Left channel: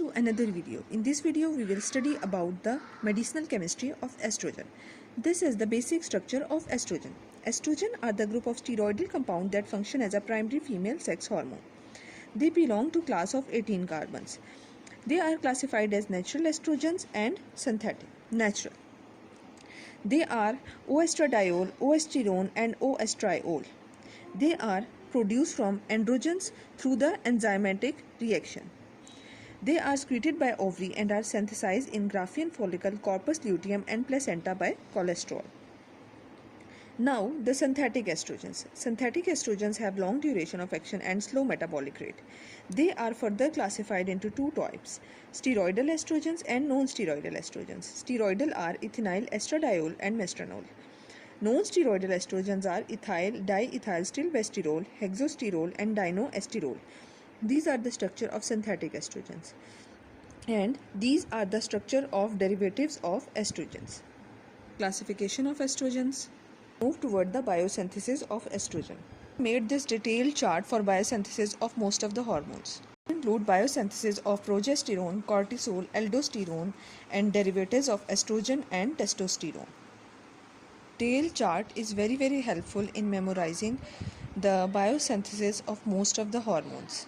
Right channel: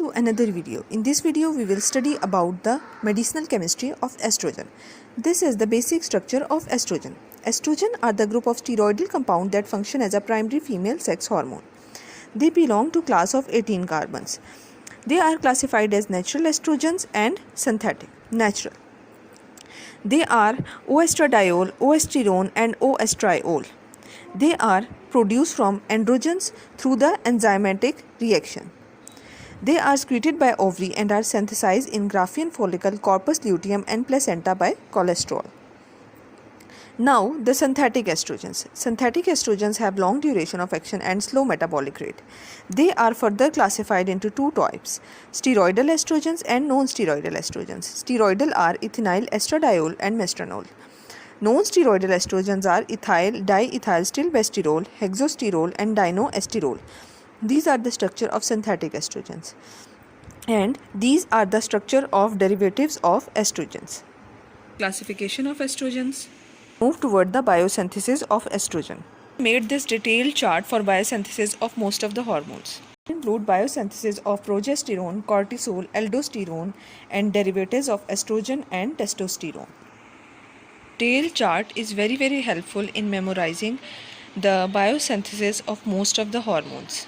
to another video. In this video, we will study about the medicinal chemistry of estrogen. This is the basic structure of estrogen. Estrogen are the group of steroidal compounds that function as a primary female sex hormone. They belong to class of 18 carbons. They are classified as natural estrogens and synthetic. Natural. They are oestradiol, oestrone and oestriol. They are produced from androgens through the enzymatic reaction. They are secreted by ovary and are synthesized in Graafian follicle, corpus luteum and placenta by cholesterol. Now, the synthetic estrogens. Synthetic estrogens have long duration of action and slow metabolic rate. They are further classified into two types, steroidal estrogens and non-steroidal estrogens. Steroidal are ethinyl estradiol and mestranol. Non-steroidal estrogens are ethyl diethylstilbestrol, hexosterol and dinoesterol. These are the structure of synthetic estrogens, and these are the structure of derivatives of estrogens. Classification of estrogens. Move toward the biosynthesis of estrogen. Made this detailed chart for biosynthesis of most of the hormones. Include biosynthesis of progesterone, cortisol, aldosterone and derivatives of estrogen and testosterone. Detailed chart is very helpful in memorizing the biosynthesis of most of the hormones.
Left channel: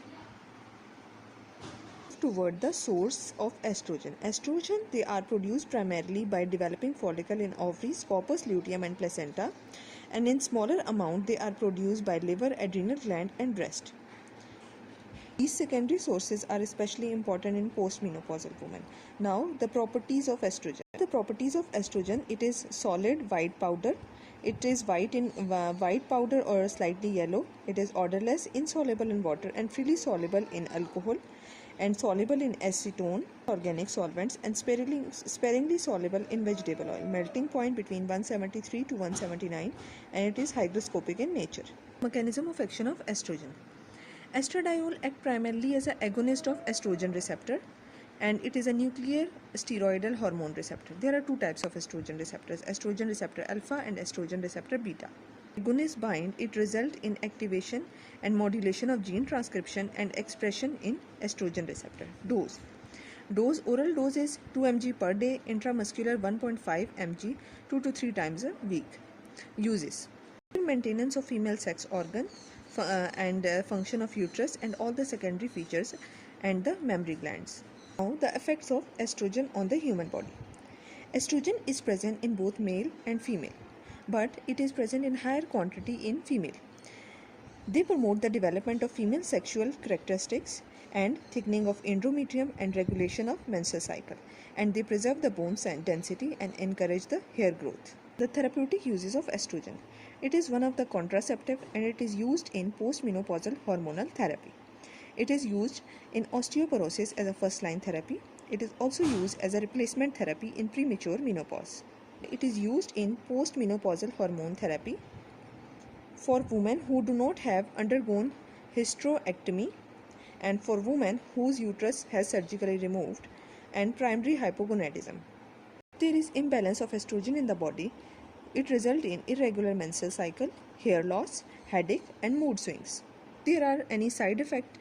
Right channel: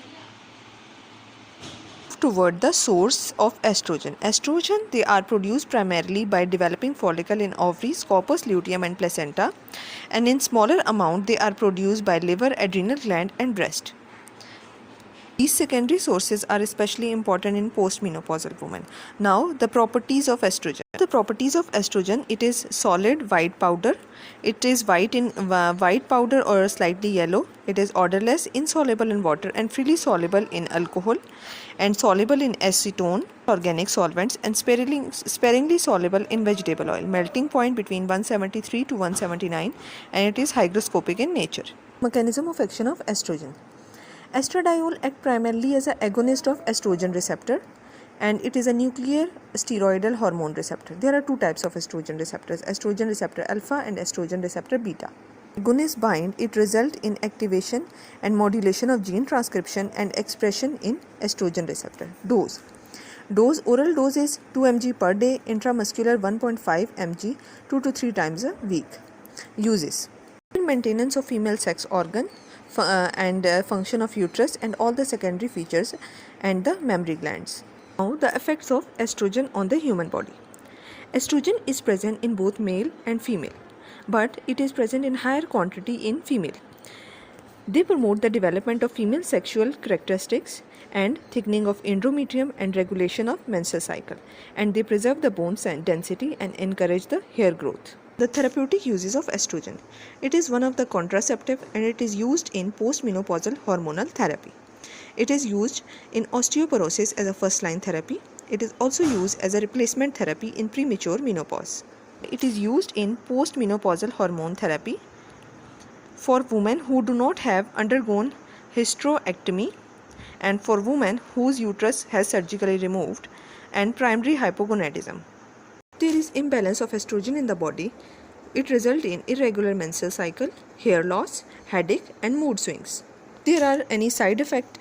Toward the source of estrogen. Estrogen, they are produced primarily by developing follicle in ovaries, corpus luteum and placenta, and in smaller amount they are produced by liver, adrenal gland and breast. These secondary sources are especially important in postmenopausal women. Now, the properties of estrogen. The properties of estrogen, it is solid white powder. It is white in white powder or slightly yellow. It is odorless, insoluble in water and freely soluble in alcohol and soluble in acetone, organic solvents and sparingly soluble in vegetable oil. Melting point between 173 to 179 and it is hygroscopic in nature. Mechanism of action of estrogen. Estradiol acts primarily as an agonist of estrogen receptor and it is a nuclear steroidal hormone receptor. There are two types of estrogen receptors, estrogen receptor alpha and estrogen receptor beta. Agonist bind, it results in activation and modulation of gene transcription and expression in estrogen receptor. Dose. Oral dose is 2 mg per day, intramuscular 1.5 mg 2 to 3 times a week. Uses. Maintenance of female sex organ and function of uterus and all the secondary features and the mammary glands. Now, the effects of estrogen on the human body. Estrogen is present in both male and female, but it is present in higher quantity in female. They promote the development of female sexual characteristics and thickening of endometrium and regulation of menstrual cycle, and they preserve the bone density and encourage the hair growth. The therapeutic uses of estrogen. It is one of the contraceptive and it is used in postmenopausal hormonal therapy. It is used in osteoporosis as a first-line therapy. It is also used as a replacement therapy in premature menopause. It is used in postmenopausal hormone therapy for women who do not have undergone hysterectomy and for women whose uterus has surgically removed and primary hypogonadism. There is imbalance of estrogen in the body. It results in irregular menstrual cycle, hair loss, headache and mood swings. There are any side effect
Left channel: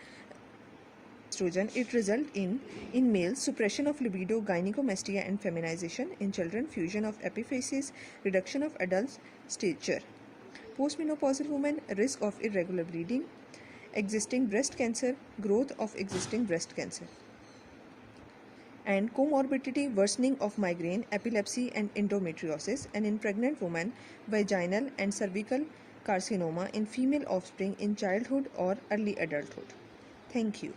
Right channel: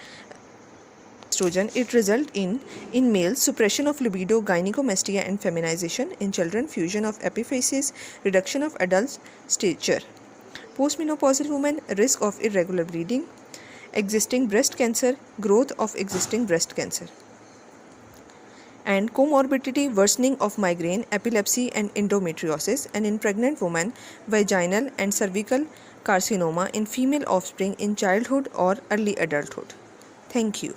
estrogen, it results in males suppression of libido, gynecomastia and feminization, in children fusion of epiphysis, reduction of adult stature. Postmenopausal women, risk of irregular bleeding, existing breast cancer, growth of existing breast cancer. And comorbidity, worsening of migraine, epilepsy and endometriosis, and in pregnant women, vaginal and cervical carcinoma in female offspring in childhood or early adulthood. Thank you.